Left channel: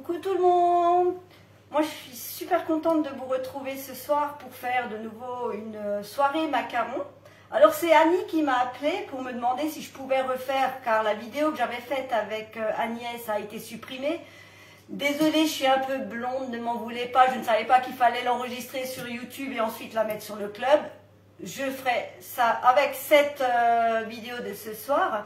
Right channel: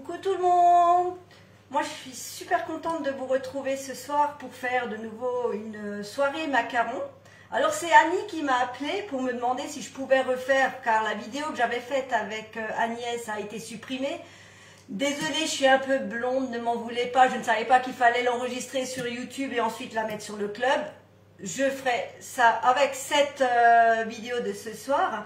Coucou tout le monde. Moi je suis super contente de vous retrouver ce soir pour faire de nouveau une soirée macaron. Alors c'est Annie qui m'a appelée pour me demander si je pouvais refaire, car la vidéo que j'avais faite avec Agnès a été supprimée. Désolée, je suis un peu blonde, ne m'en voulez pas, je ne savais pas qu'il fallait l'enregistrer sur YouTube et ensuite la mettre sur le club. Je ferai ça avec cette vidéo de ce soir.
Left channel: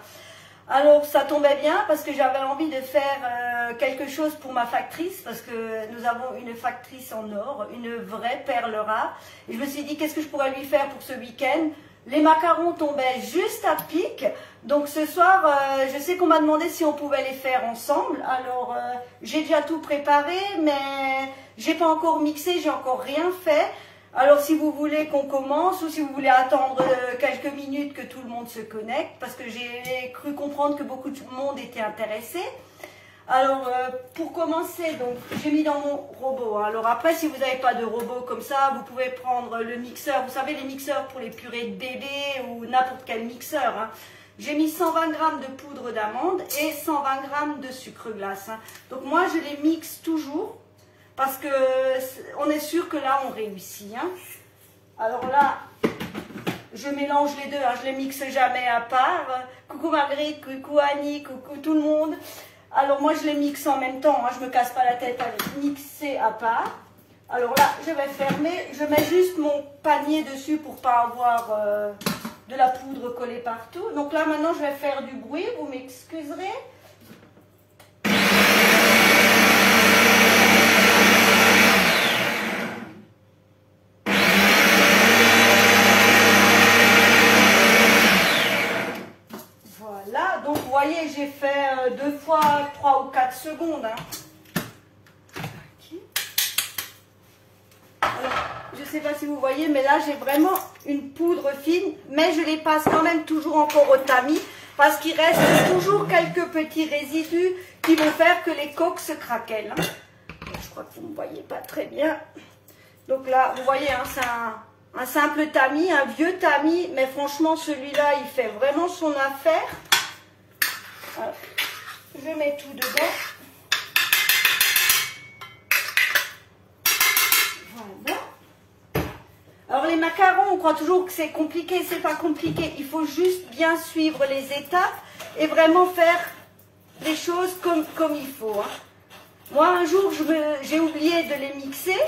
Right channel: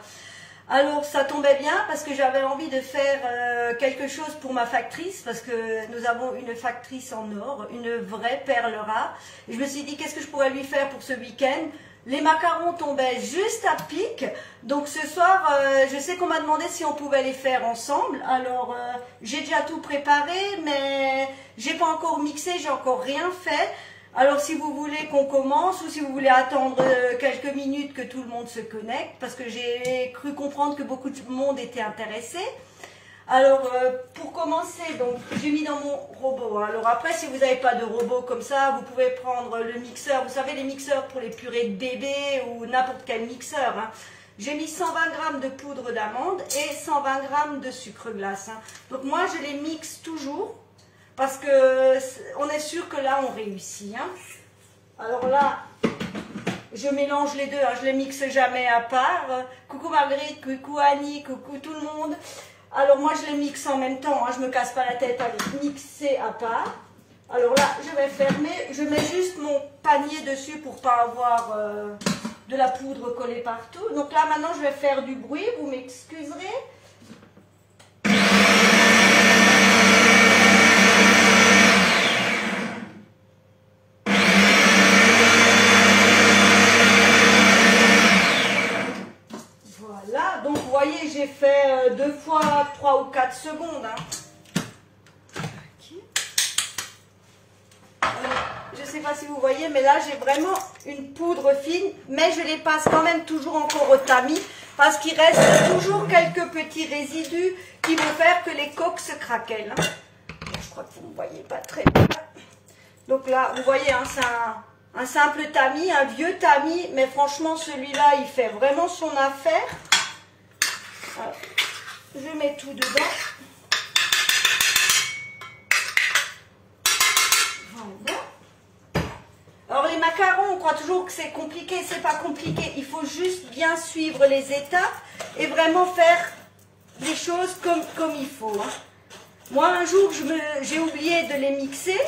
Alors ça tombait bien parce que j'avais envie de faire quelque chose pour ma factrice, parce que nous avons une factrice en or, une vraie perle rare. Et je me suis dit qu'est-ce que je pourrais lui faire pour ce week-end. Les macarons tombaient juste à pic, donc ce soir je sais qu'on m'a demandé si on pouvait les faire ensemble. Alors j'ai déjà tout préparé, mais j'ai pas encore mixé, j'ai encore rien fait. Alors si vous voulez qu'on commence ou si vous voulez attendre quelques minutes que tout le monde se connecte, parce que j'ai cru comprendre que beaucoup de monde était intéressé. Alors pour commencer, donc j'ai mis dans mon robot. Alors après, si vous n'avez pas de robot comme ça, vous pouvez prendre le mixeur. Vous savez, les mixeurs pour les purées de bébé ou n'importe quel mixeur. Hein. J'ai mis 120 g de poudre d'amande et 120 g de sucre glace. Hein. Donc moi, je les mixe toujours. Parce que on est sûr que là on réussit. Hein. Alors là, je mélange les deux, hein, je les mixe jamais à part. Coucou Marguerite, coucou Annie, coucou tout le monde. Alors moi je les mixe en même temps, hein, je me casse pas la tête avec mixer à part. Alors là, je vais fermer, je mets juste mon panier dessus pour pas avoir de la poudre collée partout. Donc là maintenant je vais faire du bruit, vous m'excuserez. Donc vous voyez, j'ai fait 2 fois 3 ou 4 secondes. Hein. Alors, je ne sais pas si vous voyez, mais là j'ai vraiment une poudre fine, mais je les passe quand même toujours encore au tamis, parce qu'il reste toujours quelques petits résidus qui vont faire que les coques se craquellent. Hein. Je crois que vous ne voyez pas très bien. Donc là, vous voyez, hein, c'est un simple tamis, un vieux tamis, mais franchement celui-là, il fait vraiment son affaire. Alors, je mets tout dedans. Voilà. Alors les macarons, on croit toujours que c'est compliqué, c'est pas compliqué. Il faut juste bien suivre les étapes et vraiment faire les choses comme il faut. Hein. Moi un jour, j'ai oublié de les mixer,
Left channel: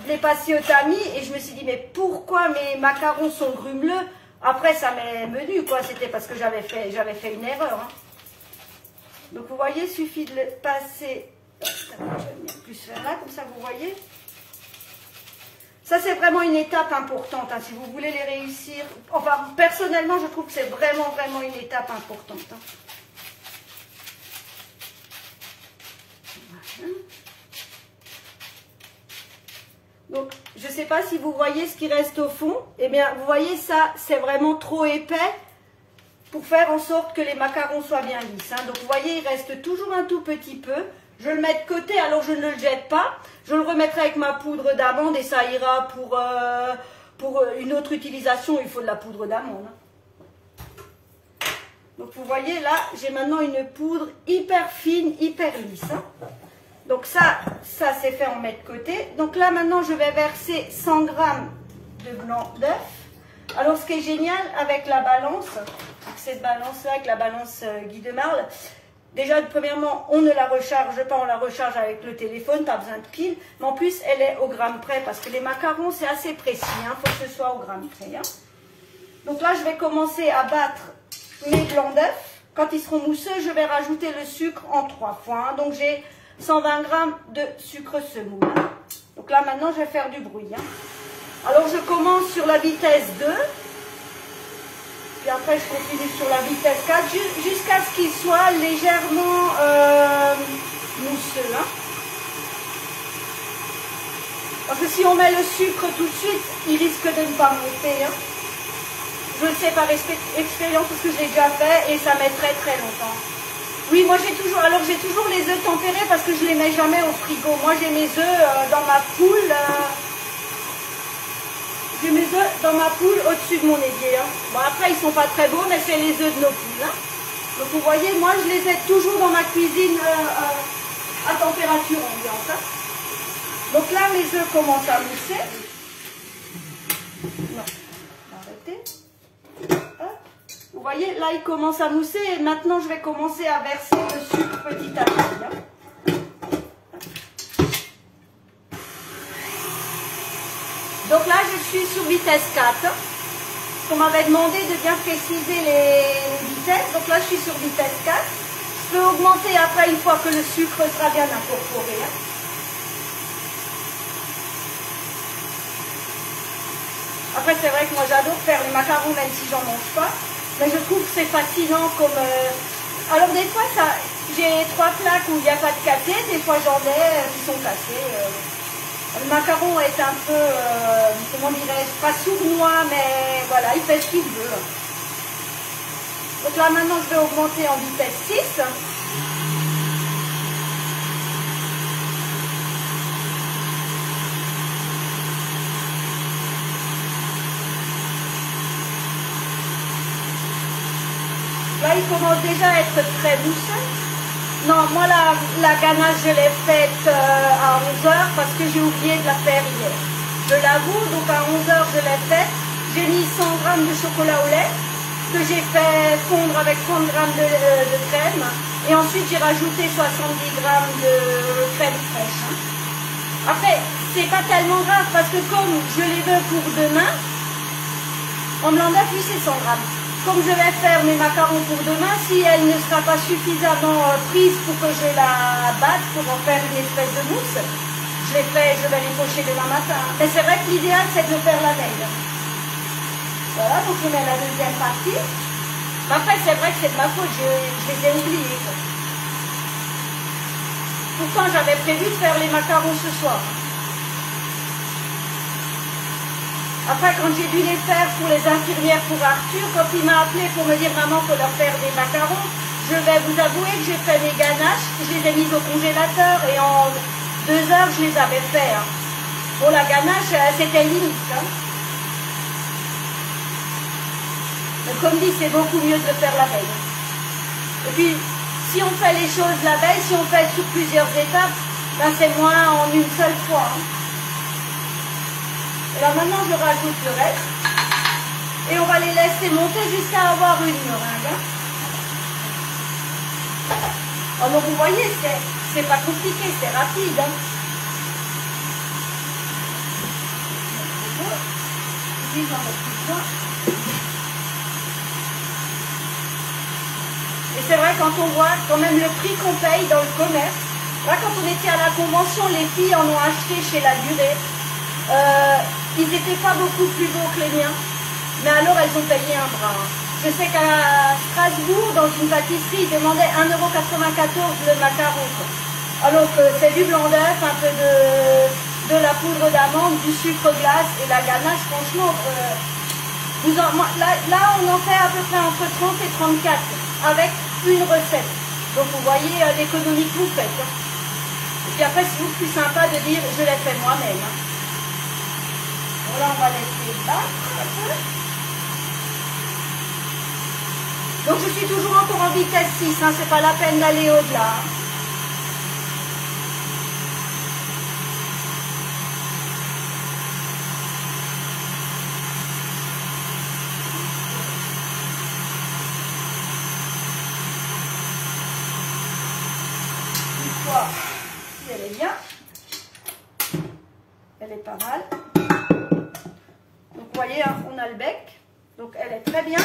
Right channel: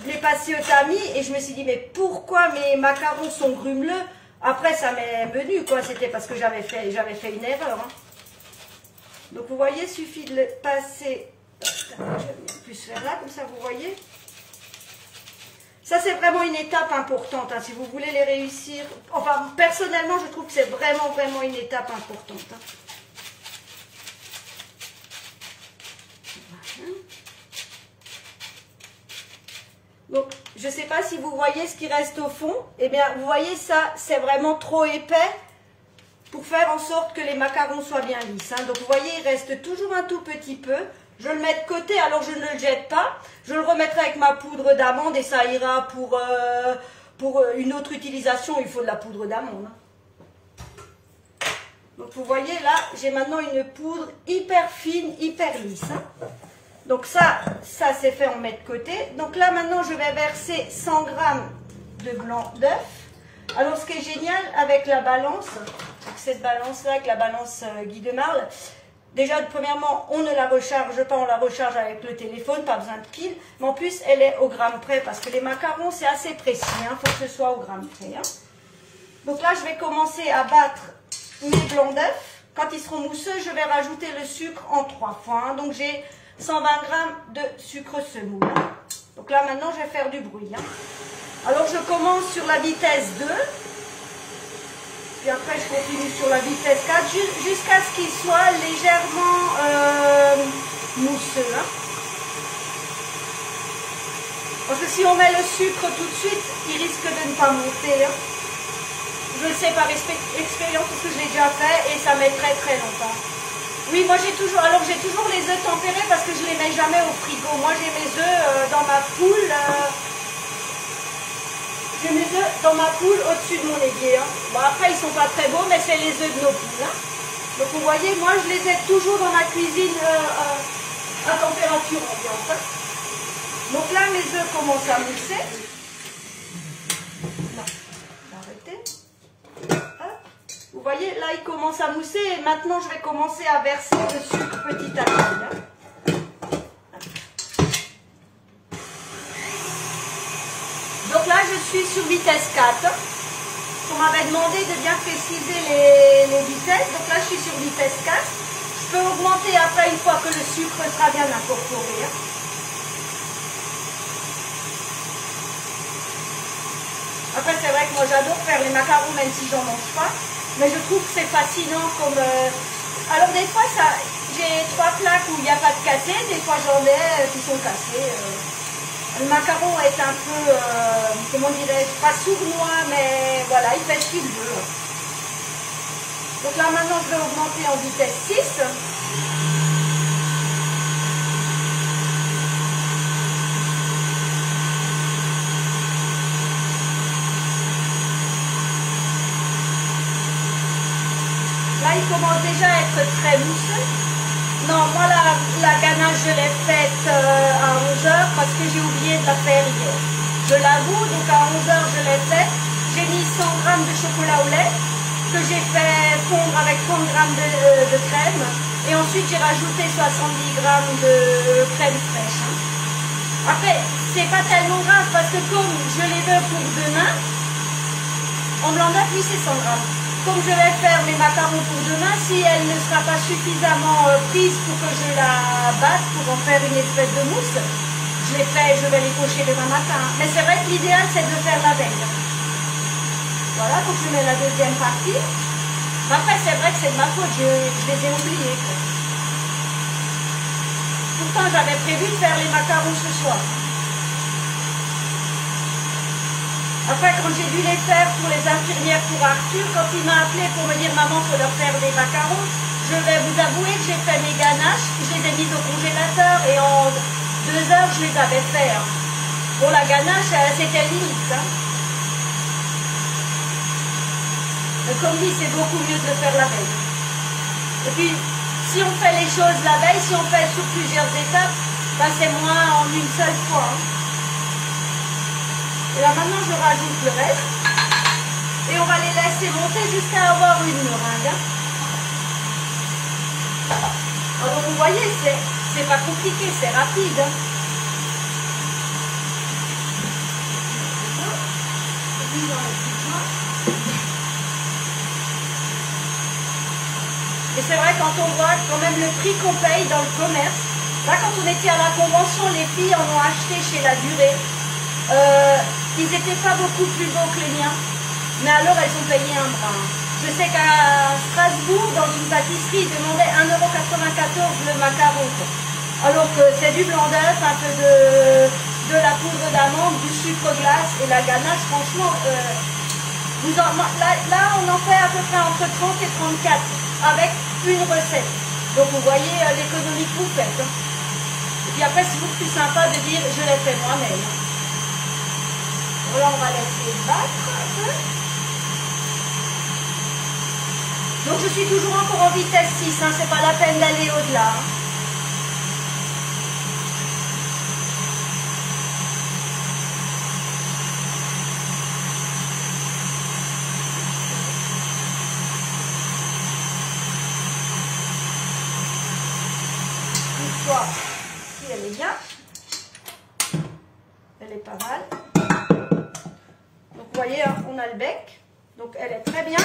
de les passer au tamis et je me suis dit mais pourquoi mes macarons sont grumeleux? Après ça m'est venu quoi, c'était parce que j'avais fait une erreur. Hein. Donc vous voyez, il suffit de le passer, je vais plus faire là, comme ça vous voyez. Ça c'est vraiment une étape importante, hein, si vous voulez les réussir. Enfin, personnellement, je trouve que c'est vraiment une étape importante. Hein. Voilà. Donc, je ne sais pas si vous voyez ce qui reste au fond. Eh bien, vous voyez ça, c'est vraiment trop épais. Pour faire en sorte que les macarons soient bien lisses. Hein. Donc vous voyez, il reste toujours un tout petit peu. Je le mets de côté, alors je ne le jette pas. Je le remettrai avec ma poudre d'amande et ça ira pour une autre utilisation. Il faut de la poudre d'amande. Hein. Donc vous voyez là, j'ai maintenant une poudre hyper fine, hyper lisse. Hein. Donc ça c'est fait, on met de côté. Donc là maintenant, je vais verser 100 g de blanc d'œuf. Alors ce qui est génial avec la balance, cette balance-là, avec la balance Guy de Marle, déjà premièrement on ne la recharge pas, on la recharge avec le téléphone, pas besoin de pile, mais en plus elle est au gramme près, parce que les macarons c'est assez précis, hein, faut que ce soit au gramme près. Hein. Donc là je vais commencer à battre mes blancs d'œufs, quand ils seront mousseux je vais rajouter le sucre en 3 fois, hein. Donc j'ai 120 g de sucre semoule. Hein. Donc là maintenant je vais faire du bruit. Hein. Alors je commence sur la vitesse 2, puis après je continue sur la vitesse 4 jusqu'à ce qu'il soit légèrement mousseux. Hein. Parce que si on met le sucre tout de suite, il risque de ne pas monter. Hein. Je le sais par expérience parce que je l'ai déjà fait et ça met très longtemps. Oui, moi j'ai toujours les œufs tempérés parce que je les mets jamais au frigo. Moi j'ai mes œufs dans ma poule. J'ai mes œufs dans ma poule au-dessus de mon évier. Hein. Bon, après, ils ne sont pas très beaux, mais c'est les œufs de nos poules. Hein. Donc, vous voyez, moi, je les ai toujours dans ma cuisine à température ambiante. Donc là, mes œufs commencent à mousser. Non, j'ai arrêté. Hop. Vous voyez, là, ils commencent à mousser et maintenant, je vais commencer à verser le sucre petit à petit. Donc là, je suis sur vitesse 4. On m'avait demandé de bien préciser les vitesses. Donc là, je suis sur vitesse 4. Je peux augmenter après une fois que le sucre sera bien incorporé. Après, c'est vrai que moi, j'adore faire les macarons, même si j'en mange pas. Mais je trouve que c'est fascinant comme... Alors, des fois, j'ai 3 plaques où il n'y a pas de cassé. Des fois, j'en ai qui sont cassés. Le macaron est un peu, comment dirais-je, pas sournois, mais voilà, il fait ce qu'il veut. Donc là, maintenant, je vais augmenter en vitesse 6. Là, il commence déjà à être très mousseux. Non, moi, la ganache, je l'ai faite à 11 h parce que j'ai oublié de la faire hier. Je l'avoue, donc à 11 h, je l'ai faite. J'ai mis 100 g de chocolat au lait que j'ai fait fondre avec 30 g de crème. Et ensuite, j'ai rajouté 70 g de crème fraîche. Après, c'est pas tellement grave parce que comme je les veux pour demain, en blanc d'œuf, oui, c'est 100 g. Comme je vais faire mes macarons pour demain, si elle ne sera pas suffisamment prise pour que je la batte pour en faire une espèce de mousse, je vais les pocher demain matin. Mais c'est vrai que l'idéal, c'est de le faire la veille. Voilà, donc je mets la deuxième partie. Après, c'est vrai que c'est de ma faute, je les ai oubliés. Pourtant, j'avais prévu de faire les macarons ce soir. Après, quand j'ai dû les faire pour les infirmières pour Arthur, quand il m'a appelé pour me dire « Maman, il faut leur faire des macarons », je vais vous avouer que j'ai fait mes ganaches, je les ai mises au congélateur et en 2 heures, je les avais fait. Bon, la ganache, c'était limite. Mais comme dit, c'est beaucoup mieux de le faire la veille. Et puis, si on fait les choses la veille, si on fait sur plusieurs étapes, ben c'est moins en une seule fois. Et là maintenant je rajoute le reste et on va les laisser monter jusqu'à avoir une meringue. Alors vous voyez, c'est pas compliqué, c'est rapide. Et c'est vrai quand on voit quand même le prix qu'on paye dans le commerce. Là quand on était à la convention, les filles en ont acheté chez La Durée. Ils n'étaient pas beaucoup plus beaux que les miens, mais alors elles ont payé un bras. Je sais qu'à Strasbourg, dans une pâtisserie, ils demandaient 1,94 € le macaron. Alors que c'est du blanc d'œuf, un peu de la poudre d'amande, du sucre glace et la ganache, franchement, là on en fait à peu près entre 30 et 34 avec une recette. Donc vous voyez l'économie que vous faites. Et puis après, c'est beaucoup plus sympa de dire je l'ai fait moi-même. Là, on va laisser battre un peu. Donc, je suis toujours encore en vitesse 6, hein, c'est pas la peine d'aller au-delà. Une fois, si elle est bien, elle est pas mal. Vous voyez, hein, on a le bec, donc elle est très bien.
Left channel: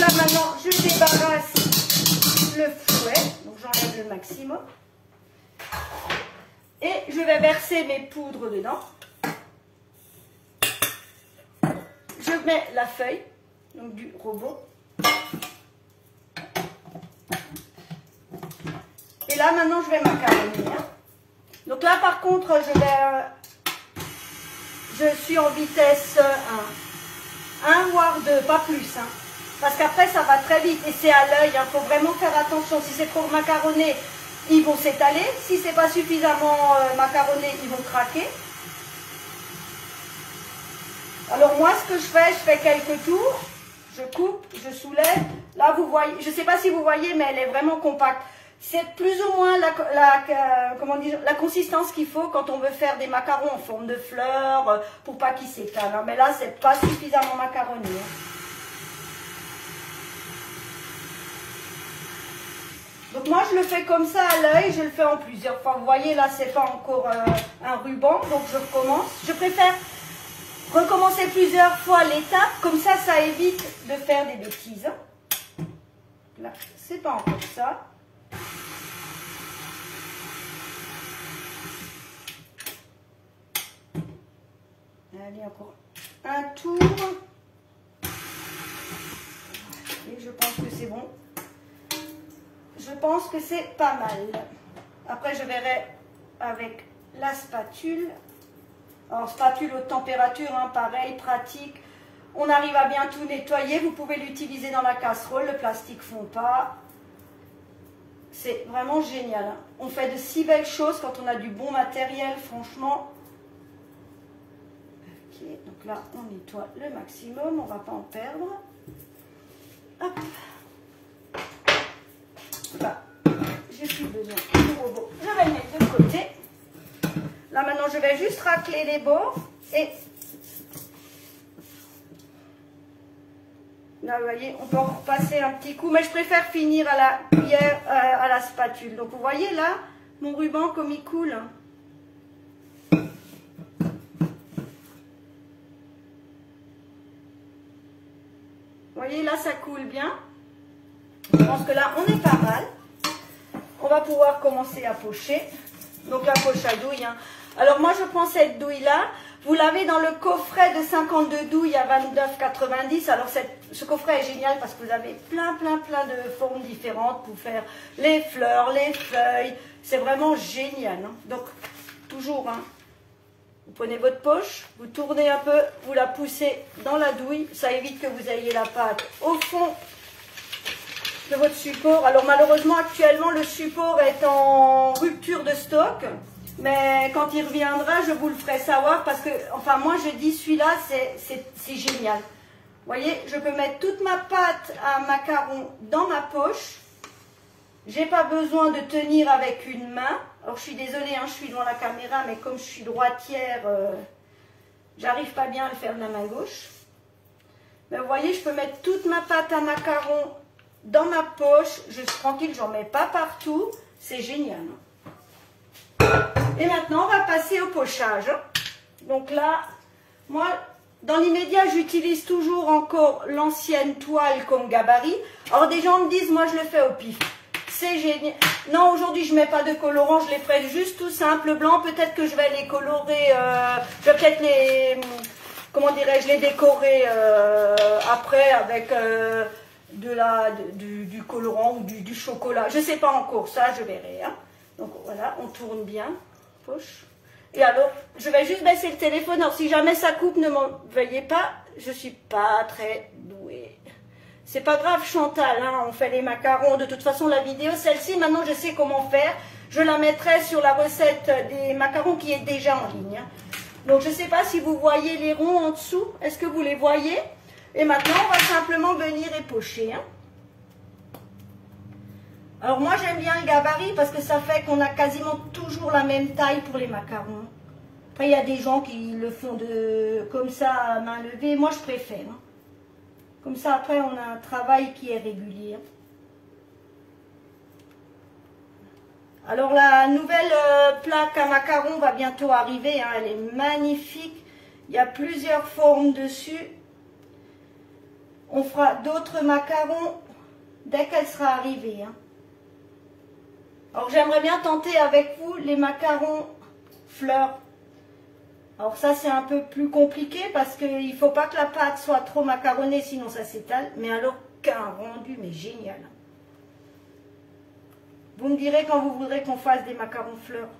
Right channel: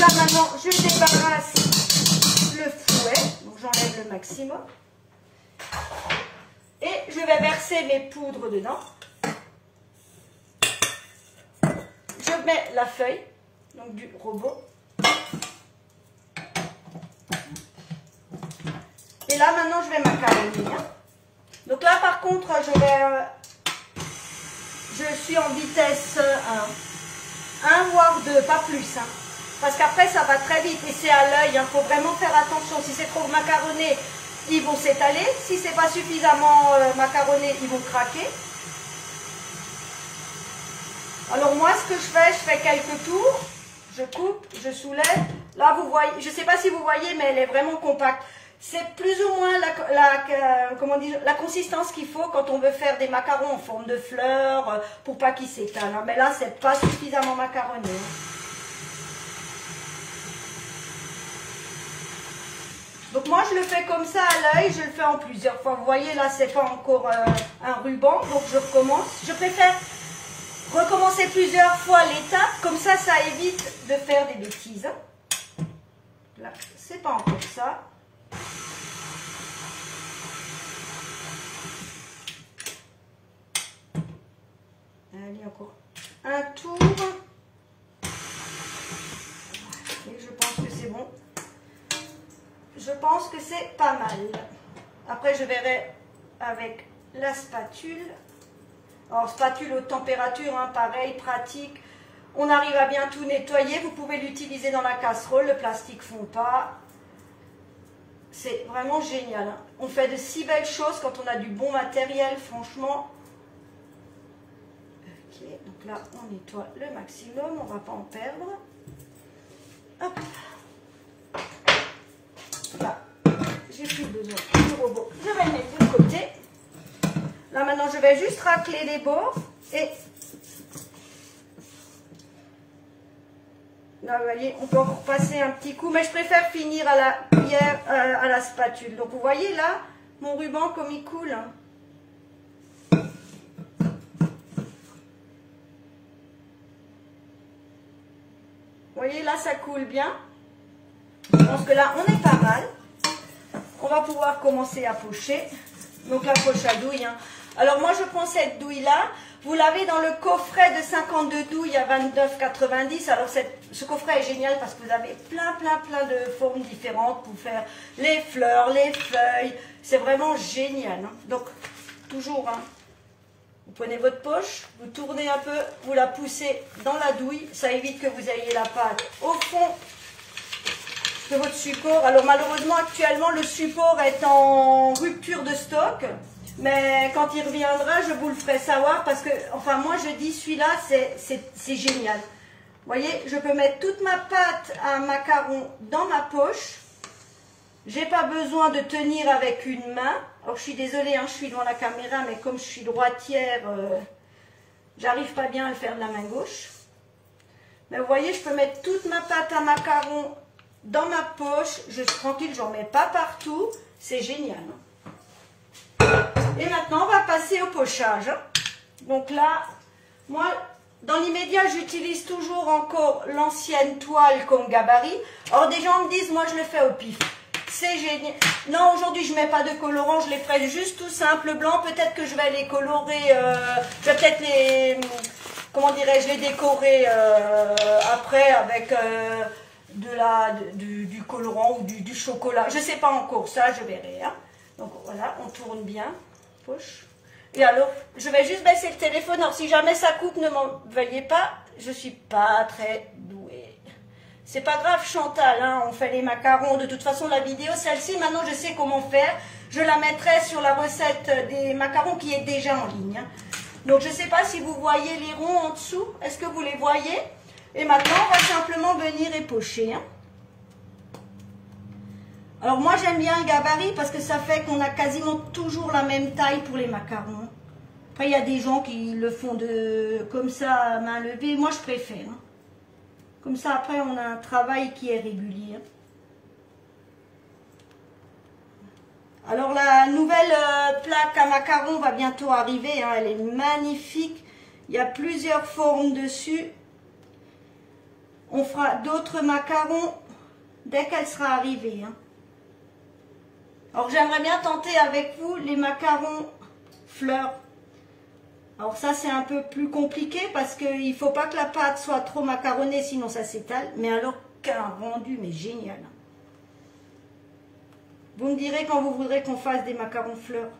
Là maintenant, je débarrasse le fouet, donc j'enlève le maximum. Et je vais verser mes poudres dedans. Je mets la feuille, donc du robot. Et là maintenant, je vais macaronner. Hein. Donc là par contre, je suis en vitesse 1, voire 2, pas plus. Hein. Parce qu'après, ça va très vite et c'est à l'œil. Il faut vraiment faire attention. Si c'est trop macaronné, ils vont s'étaler. Si c'est pas suffisamment macaronné, ils vont craquer. Alors moi, ce que je fais quelques tours. Je coupe, je soulève. Là, vous voyez, je ne sais pas si vous voyez, mais elle est vraiment compacte. C'est plus ou moins comment dire, la consistance qu'il faut quand on veut faire des macarons en forme de fleurs pour pas qu'ils s'étalent. Mais là, c'est pas suffisamment macaronné. Donc moi, je le fais comme ça à l'œil, je le fais en plusieurs fois. Vous voyez, là, c'est pas encore un ruban, donc je recommence. Je préfère recommencer plusieurs fois l'étape, comme ça, ça évite de faire des bêtises. Là, c'est pas encore ça. Allez, encore un tour. Et je pense que c'est bon. Je pense que c'est pas mal. Après, je verrai avec la spatule. Alors, spatule haute température, hein, pareil, pratique. On arrive à bien tout nettoyer. Vous pouvez l'utiliser dans la casserole. Le plastique ne fond pas. C'est vraiment génial. Hein. On fait de si belles choses quand on a du bon matériel, franchement. Ok, donc là, on nettoie le maximum. On ne va pas en perdre. Hop. Là, j'ai plus besoin du robot. Je vais le mettre de côté. Là, maintenant, je vais juste racler les bords. Et là, vous voyez, on peut encore passer un petit coup. Mais je préfère finir à la cuillère, à la spatule. Donc, vous voyez là, mon ruban comme il coule. Vous voyez, là, ça coule bien. Je pense que là, on est pas mal. On va pouvoir commencer à pocher. Donc, la poche à douille. Hein. Alors, moi, je prends cette douille-là. Vous l'avez dans le coffret de 52 douilles à 29,90. Alors, ce coffret est génial parce que vous avez plein de formes différentes pour faire les fleurs, les feuilles. C'est vraiment génial. Hein. Donc, toujours, hein, vous prenez votre poche, vous tournez un peu, vous la poussez dans la douille. Ça évite que vous ayez la pâte au fond de votre support. Alors malheureusement actuellement le support est en rupture de stock, mais quand il reviendra je vous le ferai savoir parce que, enfin moi je dis celui-là c'est génial. Vous voyez, je peux mettre toute ma pâte à macaron dans ma poche. J'ai pas besoin de tenir avec une main. Alors je suis désolée, hein, je suis devant la caméra, mais comme je suis droitière, j'arrive pas bien à le faire de la main gauche. Mais vous voyez, je peux mettre toute ma pâte à macaron dans ma poche, je suis tranquille, j'en mets pas partout, c'est génial. Et maintenant, on va passer au pochage. Donc là, moi, dans l'immédiat, j'utilise toujours encore l'ancienne toile comme gabarit. Alors des gens me disent, moi je le fais au pif. C'est génial. Non, aujourd'hui, je ne mets pas de colorant, je les ferai juste tout simple blanc. Peut-être que je vais les colorer, je vais peut-être les, comment dirais-je, les décorer après avec... du colorant ou du chocolat. Je ne sais pas encore, ça je verrai. Hein. Donc voilà, on tourne bien. Poche. Et alors, je vais juste baisser le téléphone. Alors si jamais ça coupe, ne m'en veuillez pas. Je ne suis pas très douée. C'est pas grave Chantal, hein, on fait les macarons. De toute façon, la vidéo, celle-ci, maintenant je sais comment faire. Je la mettrai sur la recette des macarons qui est déjà en ligne. Hein. Donc je ne sais pas si vous voyez les ronds en dessous. Est-ce que vous les voyez ? Et maintenant, on va simplement venir épocher. Hein. Alors moi, j'aime bien le gabarit parce que ça fait qu'on a quasiment toujours la même taille pour les macarons. Après, il y a des gens qui le font comme ça à main levée. Moi, je préfère. Hein. Comme ça, après, on a un travail qui est régulier. Alors, la nouvelle plaque à macarons va bientôt arriver. Hein. Elle est magnifique. Il y a plusieurs formes dessus. On fera d'autres macarons dès qu'elle sera arrivée. Hein. Alors j'aimerais bien tenter avec vous les macarons fleurs. Alors ça c'est un peu plus compliqué parce qu'il ne faut pas que la pâte soit trop macaronnée sinon ça s'étale. Mais alors qu'un rendu mais génial. Vous me direz quand vous voudrez qu'on fasse des macarons fleurs.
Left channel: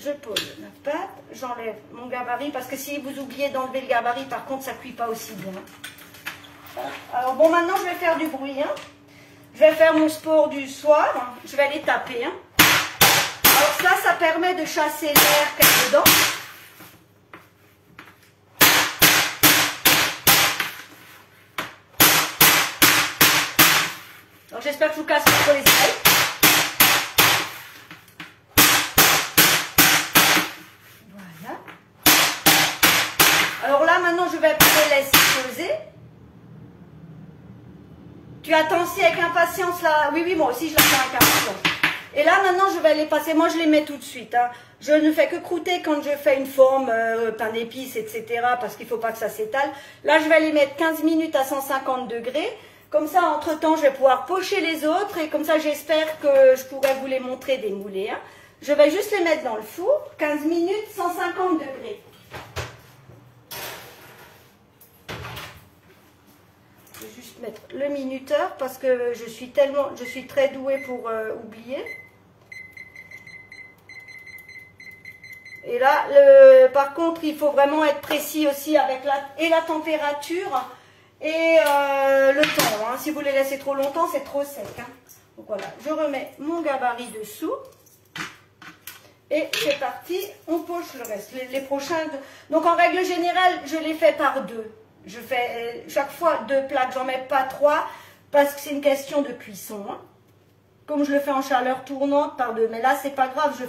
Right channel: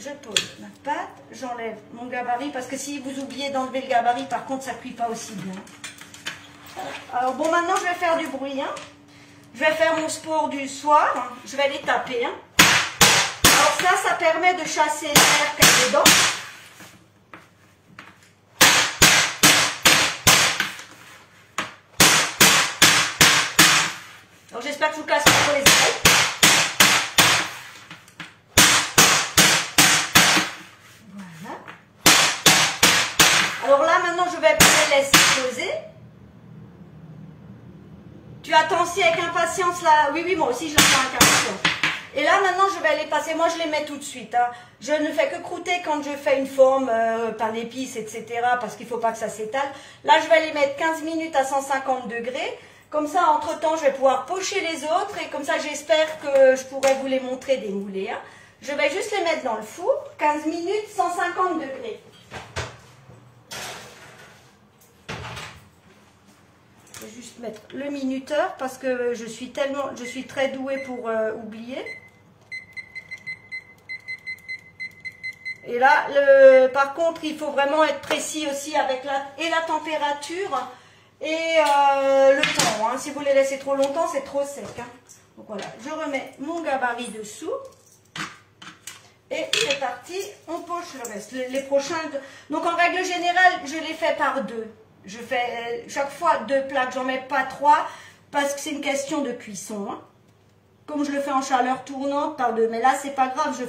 Je pose ma pâte, j'enlève mon gabarit, parce que si vous oubliez d'enlever le gabarit, par contre, ça ne cuit pas aussi bien. Alors bon, maintenant, je vais faire du bruit. Hein. Je vais faire mon sport du soir. Hein. Je vais les taper. Hein. Alors ça permet de chasser l'air qu'il y a dedans. j'espère que je vous casse pas trop les oreilles. Voilà. Alors là, maintenant, je vais les laisser poser. Tu attends aussi avec impatience là? Oui, oui, moi aussi, je l'attends avec impatience. Et là, maintenant, je vais les passer. Moi, je les mets tout de suite. Hein. Je ne fais que croûter quand je fais une forme, pain d'épices, etc. Parce qu'il ne faut pas que ça s'étale. Là, je vais les mettre 15 minutes à 150 degrés. Comme ça, entre-temps, je vais pouvoir pocher les autres. Et comme ça, j'espère que je pourrai vous les montrer démoulés. Hein. Je vais juste les mettre dans le four. 15 minutes, 150 degrés. Je vais juste mettre le minuteur parce que je suis très douée pour oublier. Et là, par contre, il faut vraiment être précis aussi avec la température et le temps. Hein. Si vous les laissez trop longtemps, c'est trop sec. Hein. Donc voilà, je remets mon gabarit dessous. Et c'est parti, on poche le reste. Les prochains. Donc en règle générale, je les fais par deux. Je fais chaque fois 2 plaques, j'en mets pas 3 parce que c'est une question de cuisson. Hein. Comme je le fais en chaleur tournante par 2. Mais là, c'est pas grave, je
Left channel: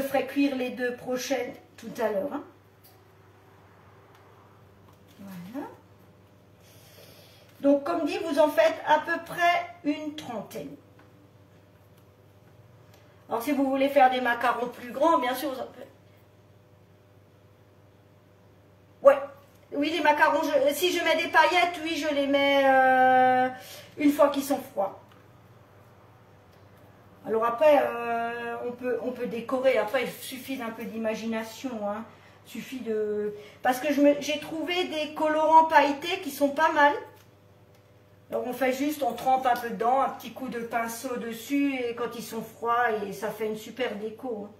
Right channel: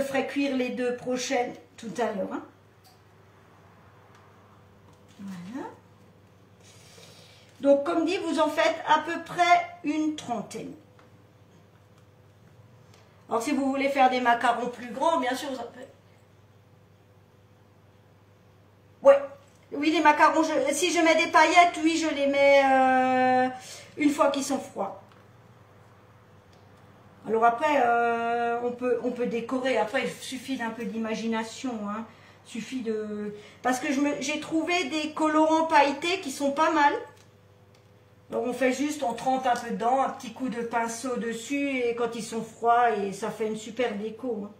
ferai cuire les 2 prochaines tout à l'heure. Hein. Voilà. Donc, comme dit, vous en faites à peu près une trentaine. Alors, si vous voulez faire des macarons plus grands, bien sûr, vous en faites. Ouais. Oui, les macarons, si je mets des paillettes, oui, je les mets une fois qu'ils sont froids. Alors après, on peut décorer. Après, il suffit d'un peu d'imagination. Hein. Suffit de... Parce que j'ai trouvé des colorants pailletés qui sont pas mal. Alors on fait juste, on trempe un peu dedans, un petit coup de pinceau dessus et quand ils sont froids, et ça fait une super déco. Hein.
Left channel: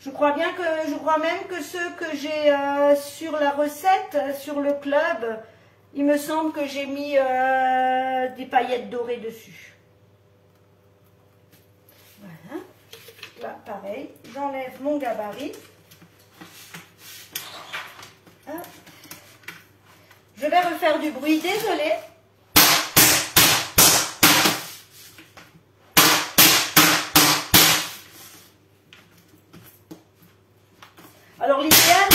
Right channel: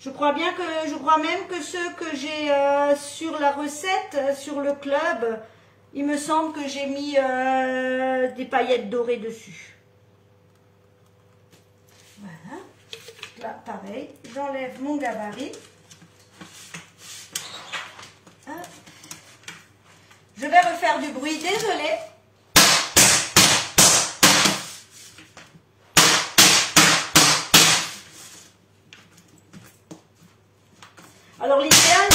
Je crois même que ceux que j'ai sur la recette, sur le club, il me semble que j'ai mis des paillettes dorées dessus. Voilà. Là, pareil, j'enlève mon gabarit. Hop. Je vais refaire du bruit, désolée. Alors l'idéal,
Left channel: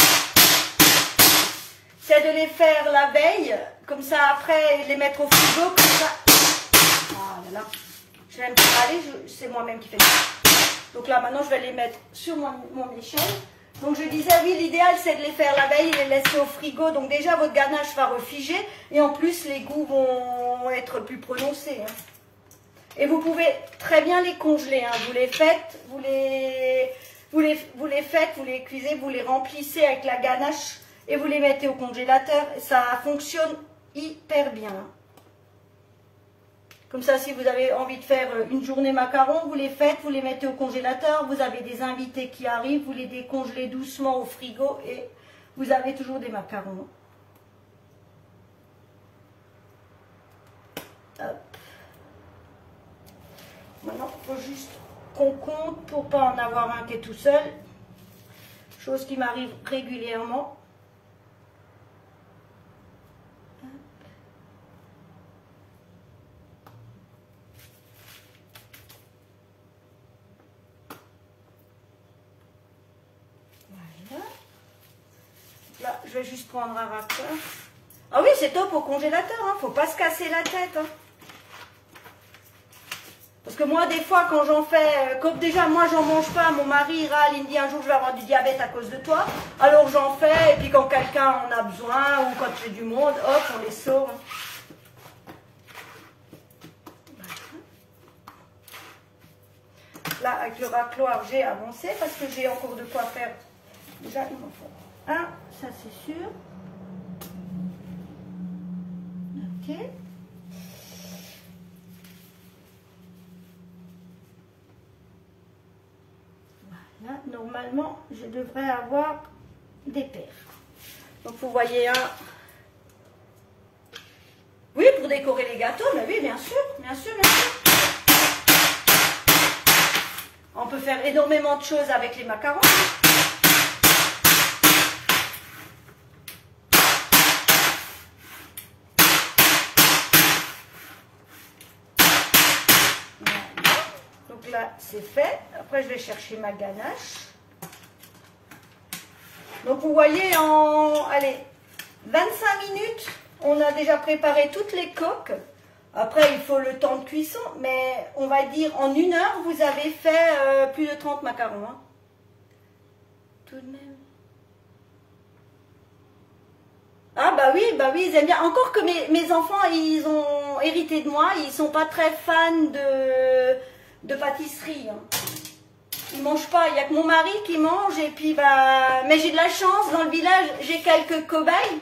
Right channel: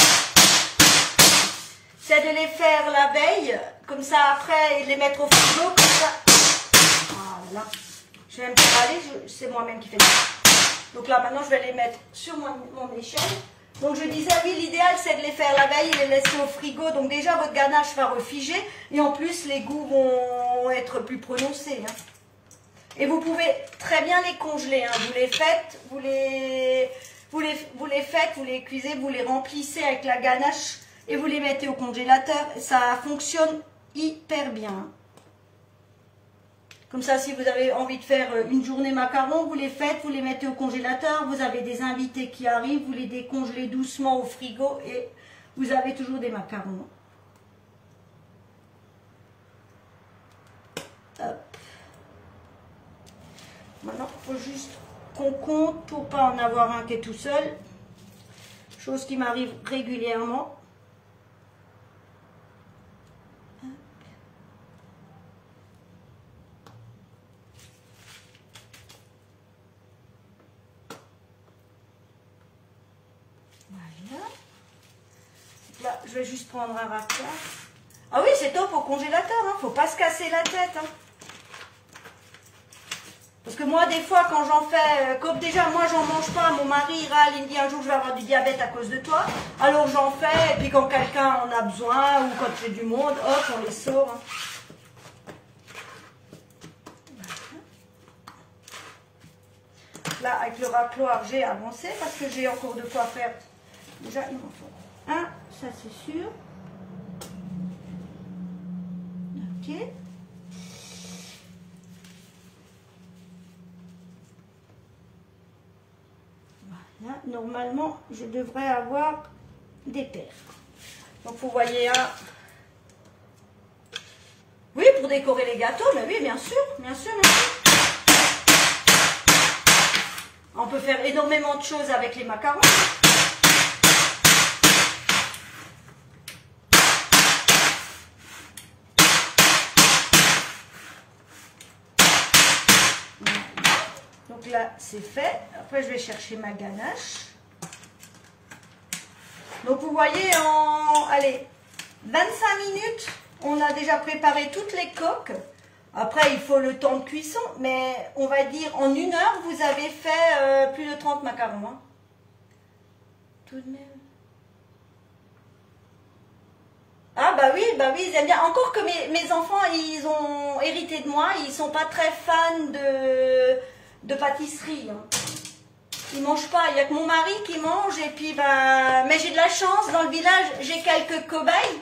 c'est de les faire la veille, comme ça après les mettre au frigo, comme ça. Ah là là, je vais même pas aller, c'est moi-même qui fais ça. Donc là maintenant je vais les mettre sur mon échelle. Donc je disais oui, l'idéal c'est de les faire la veille et les laisser au frigo. Donc déjà votre ganache va refiger et en plus les goûts vont être plus prononcés. Hein. Et vous pouvez très bien les congeler. Hein. Vous les faites, vous les cuisez, vous les remplissez avec la ganache et vous les mettez au congélateur. Ça fonctionne hyper bien. Comme ça, si vous avez envie de faire une journée macaron, vous les faites, vous les mettez au congélateur. Vous avez des invités qui arrivent, vous les décongelez doucement au frigo et vous avez toujours des macarons. Hop. Maintenant, il faut juste qu'on compte pour ne pas en avoir un qui est tout seul. Chose qui m'arrive régulièrement. Voilà. Là, je vais juste prendre un raccord. Ah oui, c'est top au congélateur. Hein. Faut pas se casser la tête. Hein. Parce que moi, des fois, quand j'en fais, comme déjà, moi, j'en mange pas, mon mari râle, il me dit un jour, je vais avoir du diabète à cause de toi. Alors, j'en fais, et puis quand quelqu'un en a besoin, ou quand il y a du monde, hop, on les sort. Là, avec le racloir, j'ai avancé, parce que j'ai encore de quoi faire. Déjà, il m'en faut un, ça c'est sûr. Ok. Là, normalement, je devrais avoir des paires. Donc, vous voyez un... Oui, pour décorer les gâteaux, mais oui, bien sûr, bien sûr, bien sûr. On peut faire énormément de choses avec les macarons. là, c'est fait. Après, je vais chercher ma ganache. Donc, vous voyez, en, allez, 25 minutes, on a déjà préparé toutes les coques. Après, il faut le temps de cuisson, mais on va dire en 1 heure, vous avez fait plus de 30 macarons. Hein. Tout de même. Ah bah oui, ils aiment bien. Encore que mes enfants, ils ont hérité de moi, ils sont pas très fans de pâtisserie. Hein. Ils mangent pas, il n'y a que mon mari qui mange, et puis bah... Mais j'ai de la chance, dans le village, j'ai quelques cobayes.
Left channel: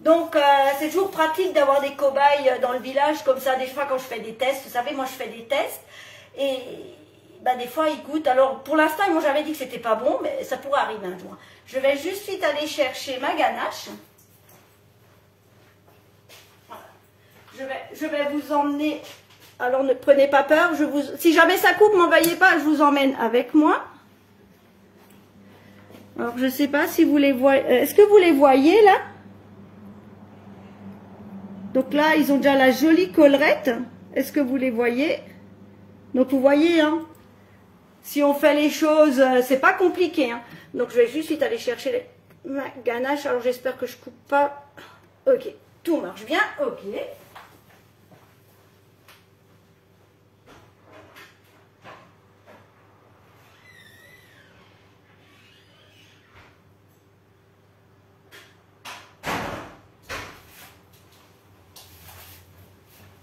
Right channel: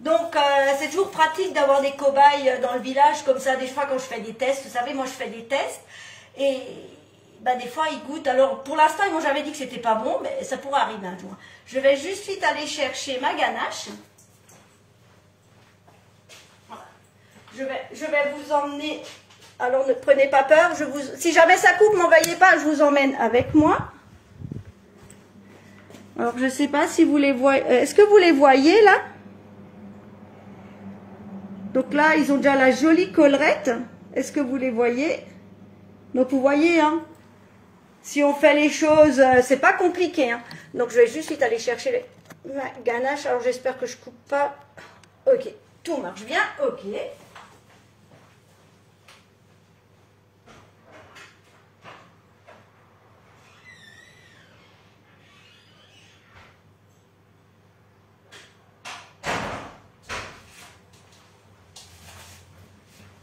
Donc, c'est toujours pratique d'avoir des cobayes dans le village, comme ça, des fois, quand je fais des tests, vous savez, moi, je fais des tests, et bah, des fois, ils goûtent. Alors, pour l'instant, ils m'ont jamais dit que c'était pas bon, mais ça pourrait arriver un jour. Je vais juste vite aller chercher ma ganache. Je vais vous emmener, alors ne prenez pas peur, si jamais ça coupe, m'envoyez pas, je vous emmène avec moi. Alors, je sais pas si vous les voyez, est-ce que vous les voyez, là? Donc là, ils ont déjà la jolie collerette. Est-ce que vous les voyez? Donc vous voyez, hein, si on fait les choses, c'est pas compliqué. Hein. Donc je vais juste vite aller chercher ma ganache. Alors j'espère que je coupe pas. Ok, tout marche bien. Ok.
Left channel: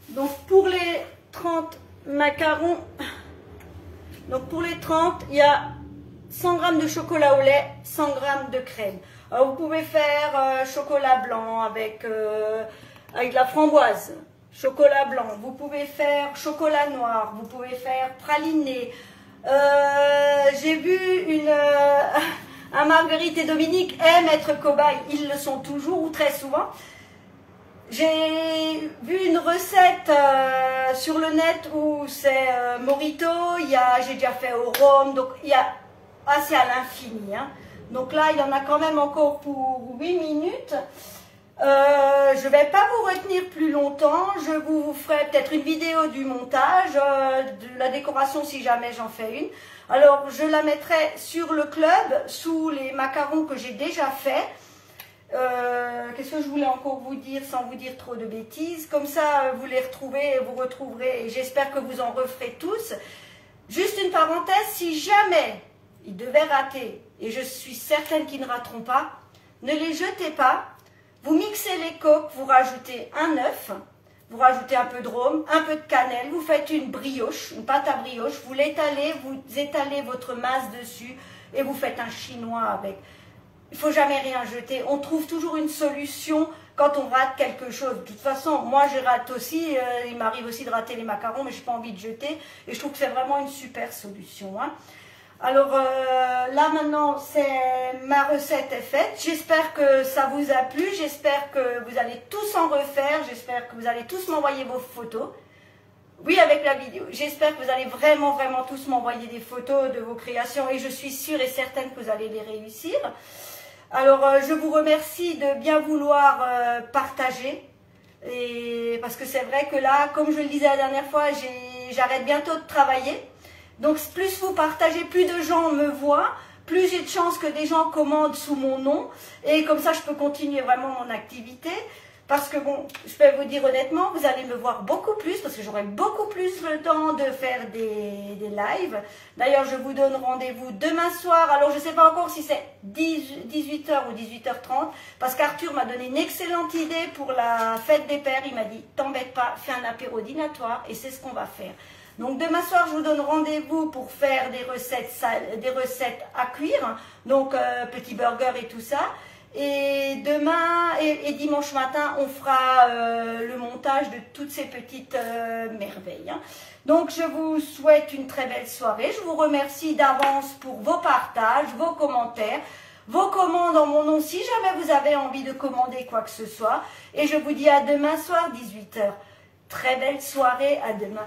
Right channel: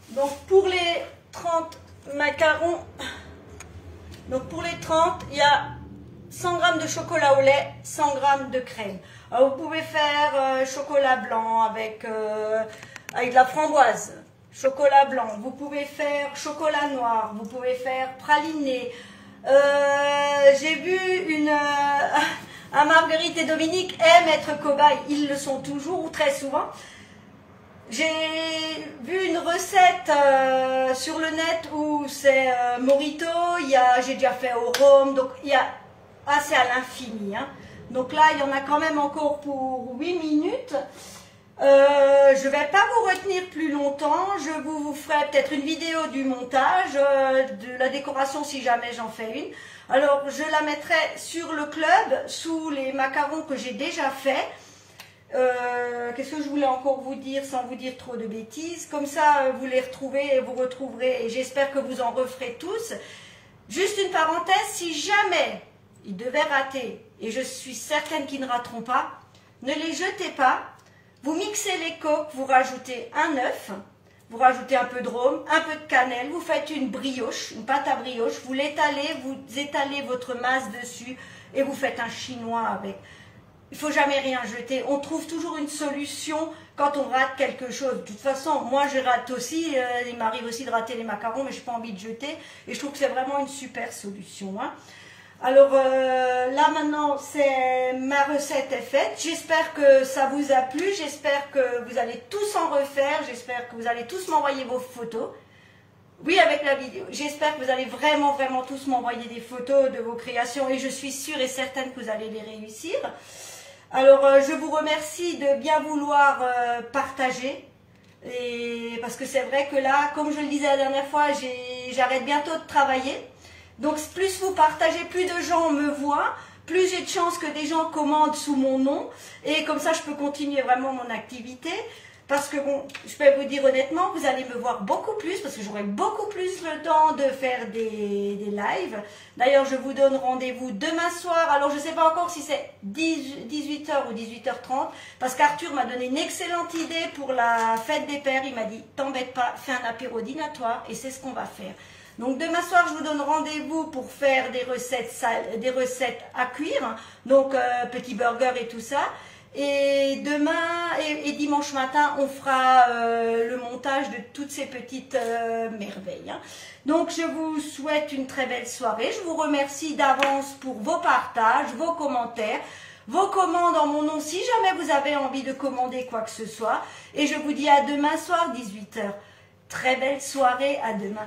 Donc pour les 30 macarons, donc pour les 30, il y a 100 g de chocolat au lait, 100 g de crème. Alors vous pouvez faire chocolat blanc avec de la framboise, chocolat blanc. Vous pouvez faire chocolat noir, vous pouvez faire praliné. J'ai vu un Marguerite et Dominique aiment être cobayes, ils le sont toujours ou très souvent. J'ai vu une recette sur le net où c'est Morito, j'ai déjà fait au rhum, donc il y a assez à l'infini. Hein. Donc là, il y en a quand même encore pour 8 minutes. Je ne vais pas vous retenir plus longtemps, je vous ferai peut-être une vidéo du montage, de la décoration si jamais j'en fais une. Alors, je la mettrai sur le club, sous les macarons que j'ai déjà fait. Qu'est-ce que je voulais encore vous dire sans vous dire trop de bêtises, comme ça vous les retrouvez et vous retrouverez, et j'espère que vous en referez tous. Juste une parenthèse, si jamais ils devaient rater, et je suis certaine qu'ils ne rateront pas, ne les jetez pas, vous mixez les coques, vous rajoutez un œuf, vous rajoutez un peu de rhum, un peu de cannelle, vous faites une brioche, une pâte à brioche, vous l'étalez, vous étalez votre masse dessus et vous faites un chinois avec. Il ne faut jamais rien jeter. On trouve toujours une solution quand on rate quelque chose. De toute façon, moi je rate aussi. Il m'arrive aussi de rater les macarons, mais je n'ai pas envie de jeter. Et je trouve que c'est vraiment une super solution. Hein. Alors là maintenant, ma recette est faite. J'espère que ça vous a plu. J'espère que vous allez tous en refaire. J'espère que vous allez tous m'envoyer vos photos. Oui, avec la vidéo. J'espère que vous allez vraiment tous m'envoyer des photos de vos créations. Et je suis sûre et certaine que vous allez les réussir. Alors, je vous remercie de bien vouloir partager, parce que c'est vrai que là, comme je le disais la dernière fois, j'arrête bientôt de travailler. Donc, plus vous partagez, plus de gens me voient, plus j'ai de chances que des gens commandent sous mon nom. Et comme ça, je peux continuer vraiment mon activité. Parce que bon, je peux vous dire honnêtement, vous allez me voir beaucoup plus, parce que j'aurai beaucoup plus le temps de faire des lives. D'ailleurs, je vous donne rendez-vous demain soir. Alors, je ne sais pas encore si c'est 18 h ou 18 h 30, parce qu'Arthur m'a donné une excellente idée pour la fête des pères. Il m'a dit, t'embête pas, fais un apéro dînatoire, et c'est ce qu'on va faire. Donc, demain soir, je vous donne rendez-vous pour faire des recettes à cuire, donc petits burgers et tout ça. Et demain et dimanche matin, on fera le montage de toutes ces petites merveilles. Hein. Donc, je vous souhaite une très belle soirée. Je vous remercie d'avance pour vos partages, vos commentaires, vos commandes en mon nom, si jamais vous avez envie de commander quoi que ce soit. Et je vous dis à demain soir, 18 h. Très belle soirée, à demain.